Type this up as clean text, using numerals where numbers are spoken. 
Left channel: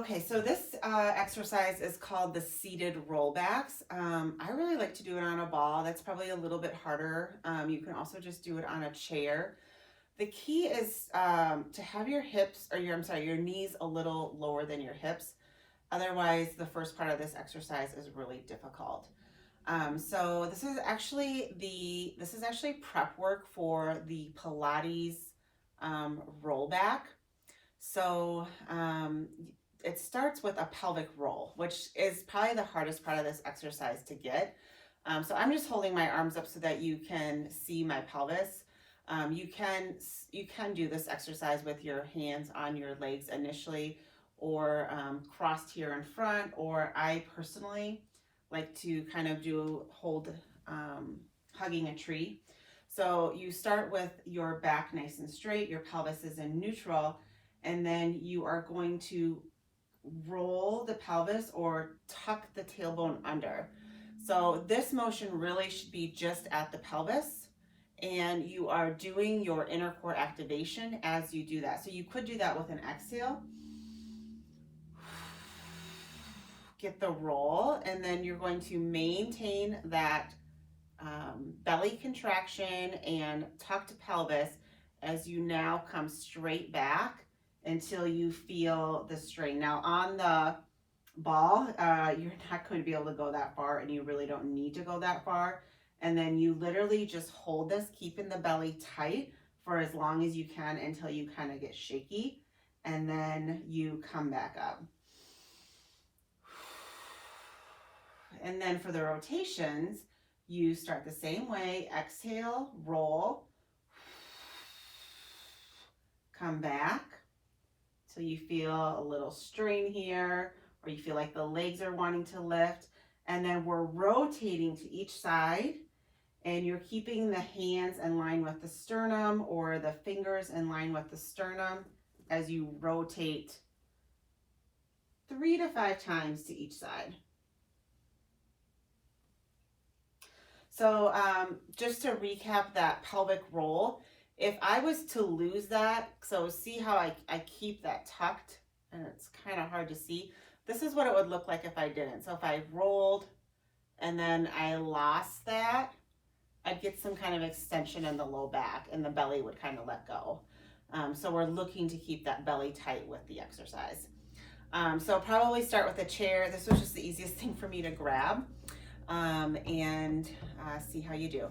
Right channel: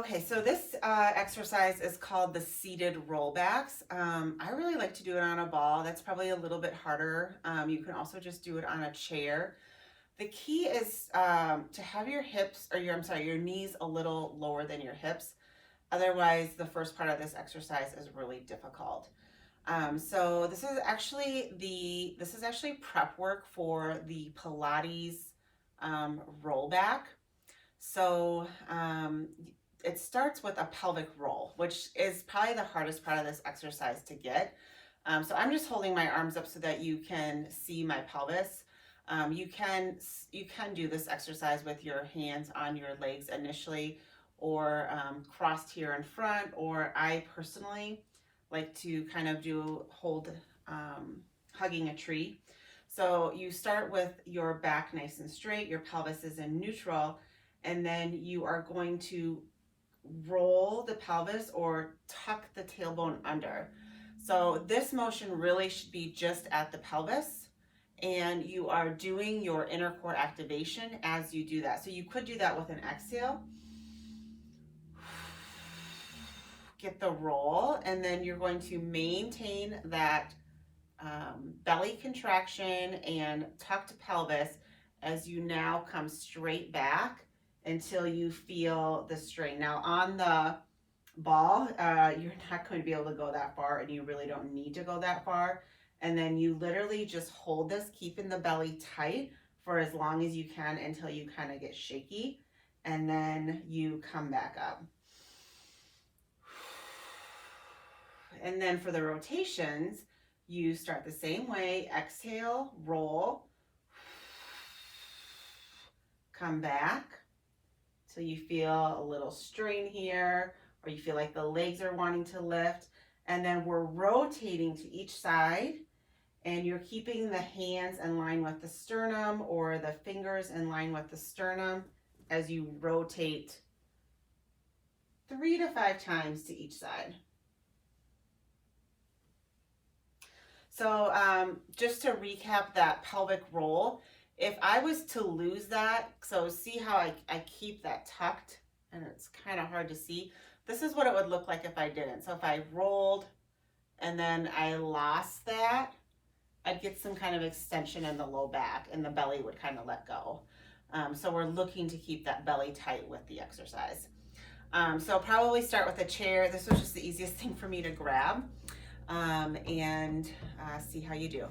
Okay, so this exercise is called the seated rollbacks. I really like to do it on a ball. That's probably a little bit harder. You can also just do it on a chair. The key is to have your hips, or your knees a little lower than your hips. Otherwise, the first part of this exercise is really difficult. So this is actually prep work for the Pilates rollback. So it starts with a pelvic roll, which is probably the hardest part of this exercise to get. So I'm just holding my arms up so that you can see my pelvis. You can do this exercise with your hands on your legs initially, or crossed here in front, or I personally like to kind of hold hugging a tree. So you start with your back nice and straight, your pelvis is in neutral, and then you are going to roll the pelvis or tuck the tailbone under. So this motion really should be just at the pelvis, and you are doing your inner core activation as you do that. So you could do that with an exhale. Get the roll, and then you're going to maintain that belly contraction and tucked pelvis as you now come straight back until you feel the strain. Now on the ball, you're not going to be able to go that far, and you really don't need to go that far. And then you literally just hold this, keeping the belly tight for as long as you can until you kind of get shaky, and then you come back up. And then for the rotations, you start the same way. Exhale, roll, come back till you feel a little strain here, or you feel like the legs are wanting to lift. And then we're rotating to each side, and you're keeping the hands in line with the sternum, or the fingers in line with the sternum as you rotate 3 to 5 times to each side. So just to recap that pelvic roll, if I was to lose that, so see how I keep that tucked, and it's kind of hard to see. This is what it would look like if I didn't. So if I rolled and then I lost that, I'd get some kind of extension in the low back, and the belly would kind of let go. So we're looking to keep that belly tight with the exercise. So probably start with a chair. This was just the easiest thing for me to grab, and see how you do.